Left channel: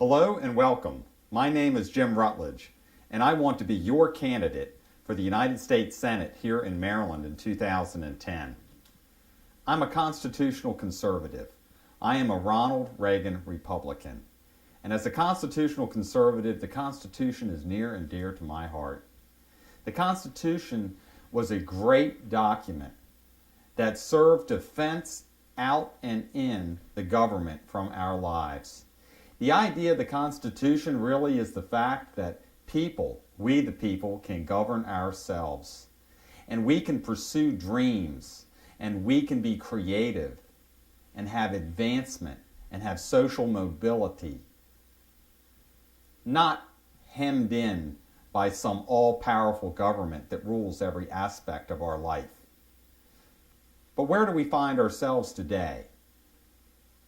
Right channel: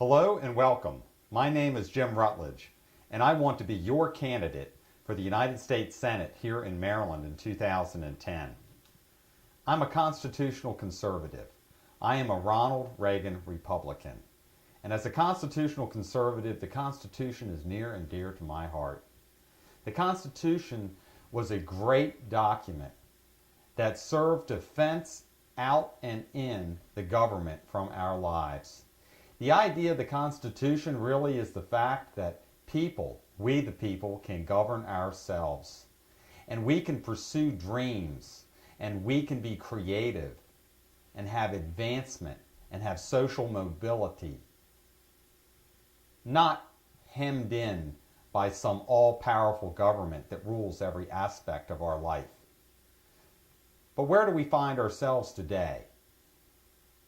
Hello and welcome. My name is Jim Rutledge, and I want to be your candidate for the United States Senate here in Maryland in 2010. I'm a constitutional conservative. I am a Ronald Reagan Republican. And as a constitutional conservative, the Constitution is near and dear to my heart. The Constitution was a great document that served to fence out and in the government from our lives. The idea of the Constitution really is the fact that people, we the people, can govern ourselves. And we can pursue dreams, and we can be creative, and have advancement, and have social mobility. Not hemmed in by some all-powerful government that rules every aspect of our life. But where do we find ourselves today?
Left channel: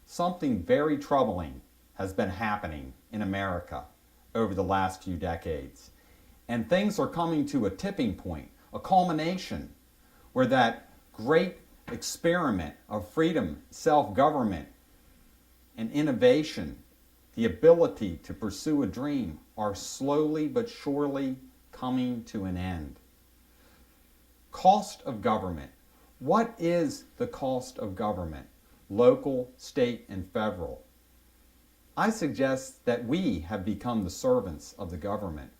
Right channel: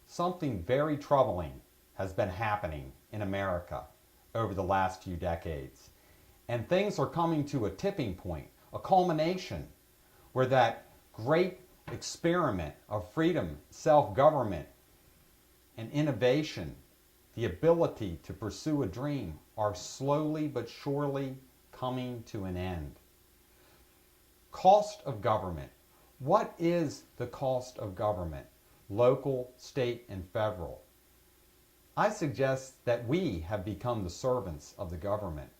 Something very troubling has been happening in America over the last few decades. And things are coming to a tipping point, a culmination, where that great experiment of freedom, self-government, and innovation, the ability to pursue a dream, are slowly but surely coming to an end. Cost of government. What is the cost of government? Local, state, and federal. I suggest that we have become the servants of the government,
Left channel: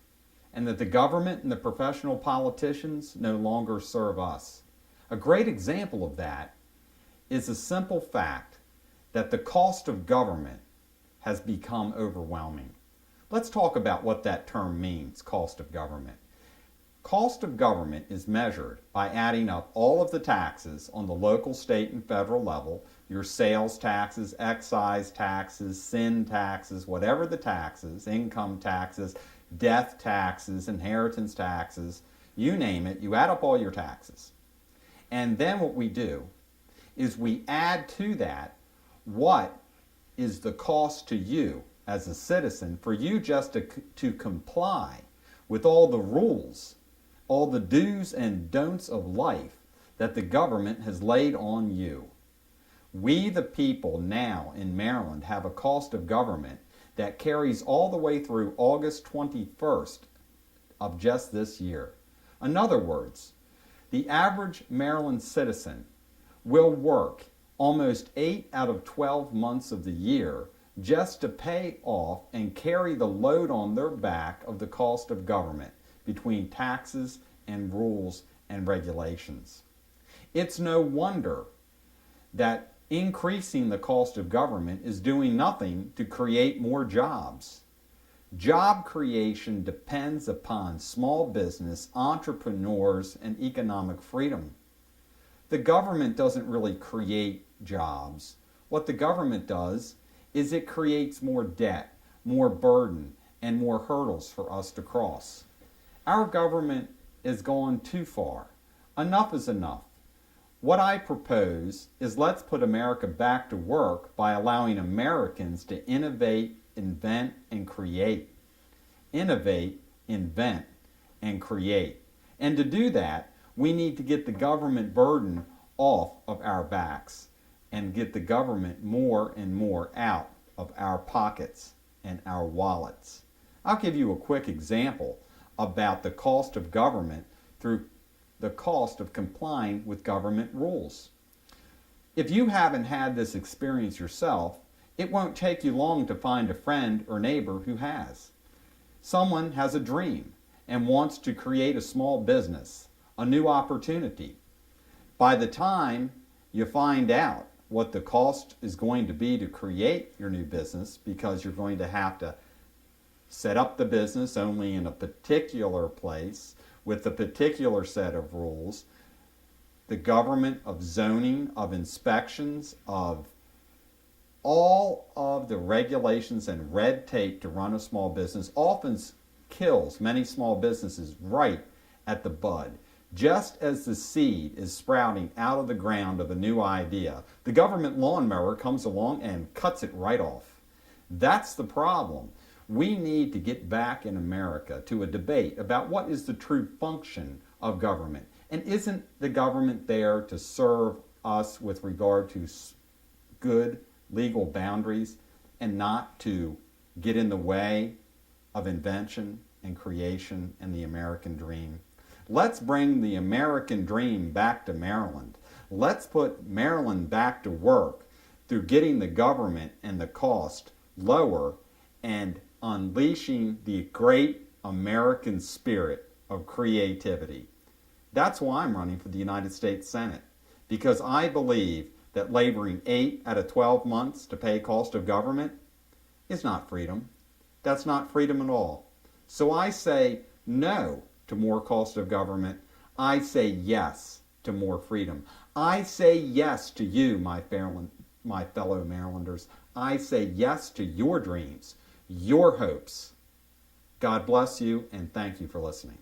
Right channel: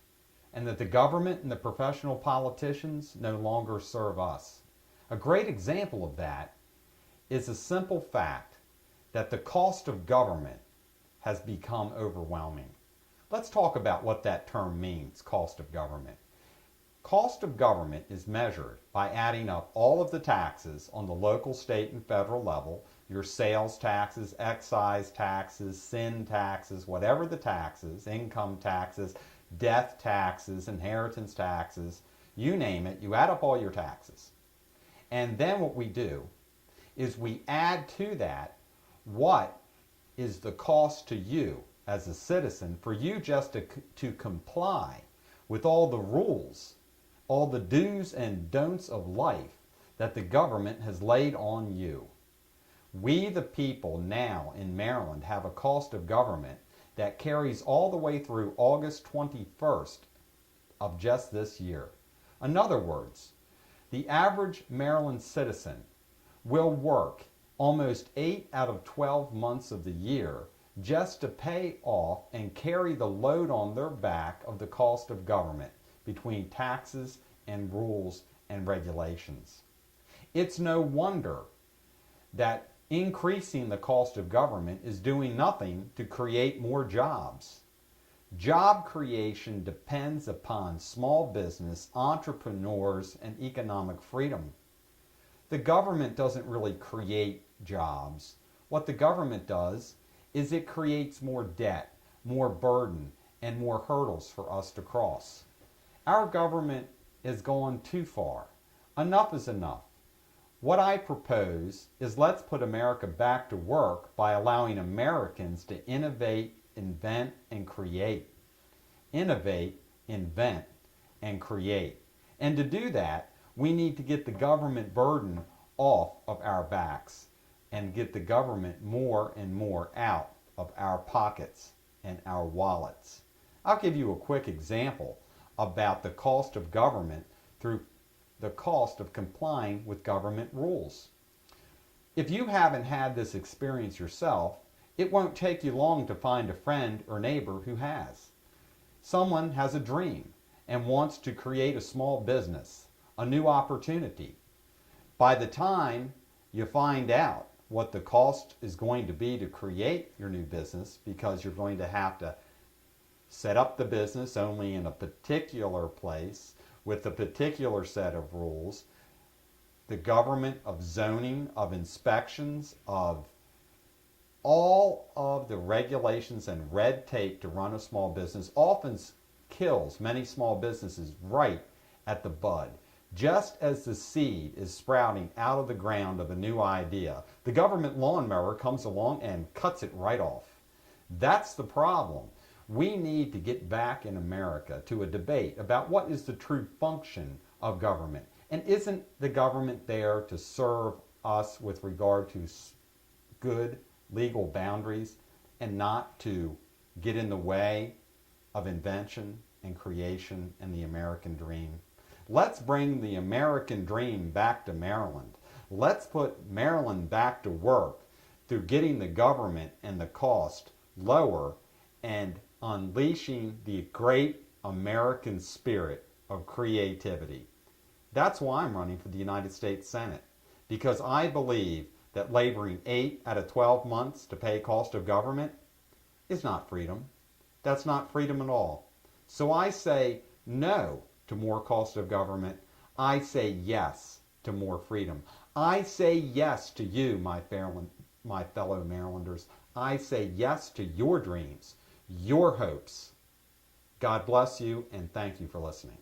and that the government and the professional politicians no longer serve us. A great example of that is the simple fact that the cost of government has become overwhelming. Let's talk about what that term means, cost of government. Cost of government is measured by adding up all of the taxes on the local, state, and federal level, your sales taxes, excise taxes, sin taxes, whatever the taxes, income taxes, death taxes, inheritance taxes, you name it, you add up all your taxes. And then what we do is we add to that what is the cost to you as a citizen for you just to comply with all the rules, all the do's and don'ts of life that the government has laid on you. We the people now in Maryland have a cost of government that carries all the way through August 21st of just this year. In other words, the average Maryland citizen will work almost 8 out of 12 months of the year just to pay off and carry the load on their back of the cost of government between taxes and rules and regulations. It's no wonder that increasing the cost of government is doing nothing to create more jobs. Job creation depends upon small business, entrepreneurs, and economic freedom. The government doesn't really create jobs. What the government does is it creates more debt, more burden, and more hurdles for us to cross. Our government has gone too far. Enough is enough. What I propose is let's put America back to work by allowing Americans to innovate, invent, and create. Innovate, invent, and create. And to do that, we need to get the government burden off of our backs and get the government more and more out of our pockets and our wallets. I'll give you a quick example about the cost of government through the cost of complying with government rules. If you haven't had this experience yourself, it won't take you long to find a friend or neighbor who has. Someone has a dream and wants to create a small business, a new opportunity. By the time you find out what the cost is going to be to create your new business, because you're going to have to set up the business only in a particular place with a particular set of rules, the government of zoning, of inspections, of all of the regulations and red tape to run a small business often kills many small businesses right at the bud. Just as the seed is sprouting out of the ground of a new idea, the government lawnmower comes along and cuts it right off. That's the problem. We need to get back in America to a debate about what is the true function of government. And isn't the government there to serve us with regard to good legal boundaries and not to get in the way of invention and creation and the American dream. Let's bring the American dream back to Maryland. Let's put Maryland back to work through getting the government and the cost lower and unleashing the great American spirit of creativity. That's why I'm running for the United States Senate, because I believe that laboring 8 out of 12 months to pay cost of government is not freedom. That's not freedom at all. So I say no to more cost of government. I say yes to more freedom. I say yes to you, my fellow Marylanders. I say yes to your dreams, your hopes. God bless you, and thank you for listening.